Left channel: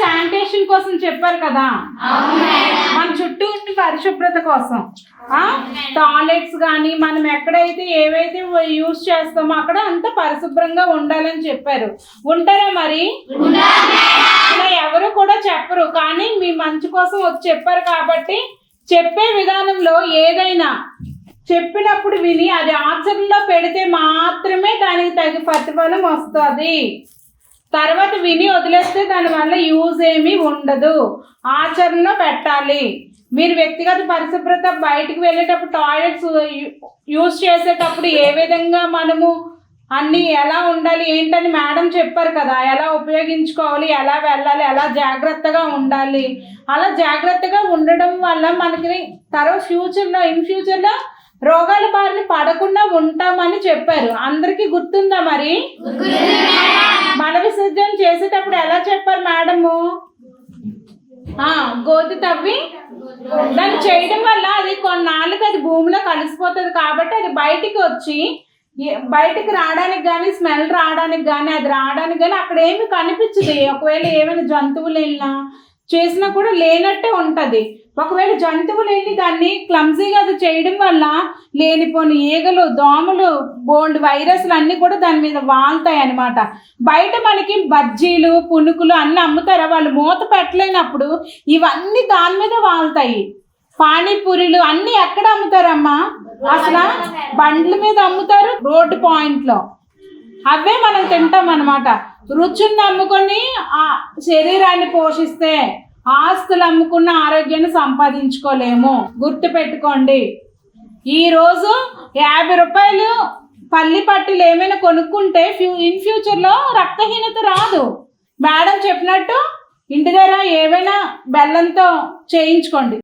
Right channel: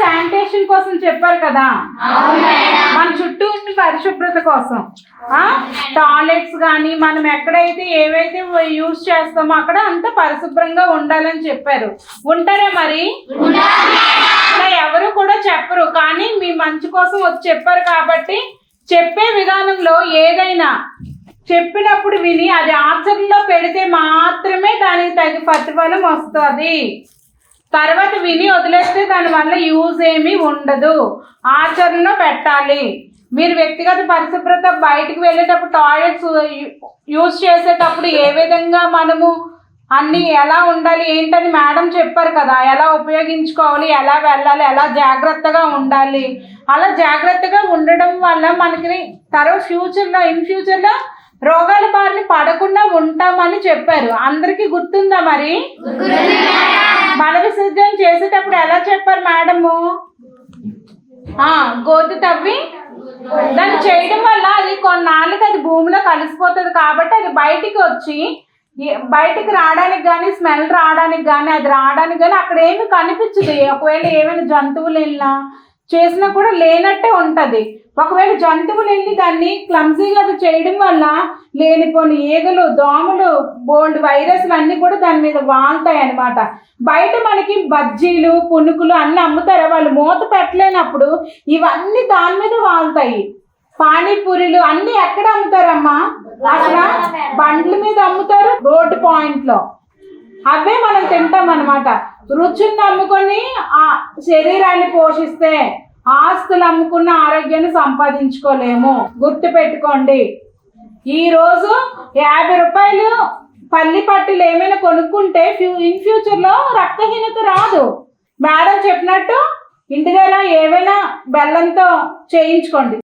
Sanitation కోసం చెప్పారు కదా, మన చుట్టూ ఉన్న పరిశుభ్రత కోసం. టాయిలెట్స్ కానీ మనం ఎక్కడైతే ఏవైతే యూజ్ చేస్తామో అక్కడ అంత పరిశుభ్రంగా ఉండాలని చెప్పారు. ఉంటారా మరి? ఇలా ఎవరు కూడా చెప్పరు, కానీ మీ మంచి కోసం వచ్చి చెప్పారు కాబట్టి చెప్పే విధానంలో ఏదైనా చెప్పినప్పుడు విని అది ఆచరణలో పెడితే మాత్రమే దానికి తగిన ప్రతిఫలం వస్తుంది. తర్వాత విని వదిలేస్తే దానివల్ల యూజ్ ఏమీ ఉండదు. ఆచరణలో పెట్టాలి. మీరు వ్యక్తిగత పరిశుభ్రత బయటికి వెళ్ళేటప్పుడు టాయిలెట్స్ యూజ్ చేసేటప్పుడు ఏ విధంగా మనము అన్నీ ఎలా ఉండాలి ఏంటని మేడం చెప్పారు కదా, ఎలా ఉపయోగించుకోవాలి, ఎలా వెళ్ళాలి, ఎలా జాగ్రత్తగా ఉండాలి. అలా జాగ్రత్తగా ఉండడం వల్ల మనకి తర్వాత ఇన్ ఫ్యూచర్లో రోగాల బారిన పడకుండా ఉంటామని చెప్పారు. అందరికీ గుర్తుందా మరి? మల విసర్జన చేసేటప్పుడు ఎలా చెప్పారు మేడము? గోతి తవ్వి దాన్ని చేయడం వల్ల అది కొన్నాళ్ళకి అది భూమిలో కలిసిపోతుంది కాబట్టి అది బయటికి రావడానికి కానీ స్మెల్ రావడానికి కానీ అది రావడానికి కానీ అక్కడ ఏమి కనిపించదు. ఒకవేళ ఏమైనా జంతువులు వెళ్ళినా చేసినా కూడా లేనట్టే ఉంటుంది. ఒకవేళ జంతువులు వెళ్ళి దాన్ని క్లమ్జీగా అది చేయడం వల్ల లేనిపోని ఈగలు, దోమలు, బోల్డ్ వైరస్లు అన్నీ కూడా దాని మీద వాళ్తాయి అన్నమాట. బయట మనకి బజ్జీలు, పునుకులు అన్నీ అమ్ముతారు. వాళ్ళు మూత పెట్టలేనప్పుడు ఇవన్నీ దాని మీద వాళ్తాయి. పానీపూరీలు అన్నీ ఎక్కడ అమ్ముతారమ్మా? అసలు బండ్ల మీద అమ్ముతారు, రోడ్డు పాయింట్లో. అవే మనం తింటాం అన్నమాట. రుచిని అమ్ముకొని ఆ శరీరాన్ని పోషిస్తే ఆస్తులు అమ్ముకున్న ఆరోగ్యాన్ని సంపాదించుకోలేము. గుర్తు పెట్టుకోండి. ఈరోజు 50 రూపాయలు పల్లి పట్టులు ఏమైనా కొనుక్కుంటే ఇన్ ఫ్యూచర్లో రక్తహీనత రాదు. మేడం చెప్పినట్టు ఇంటి దగ్గర ఏమైనా బెల్లంతో చేయించుకోండి.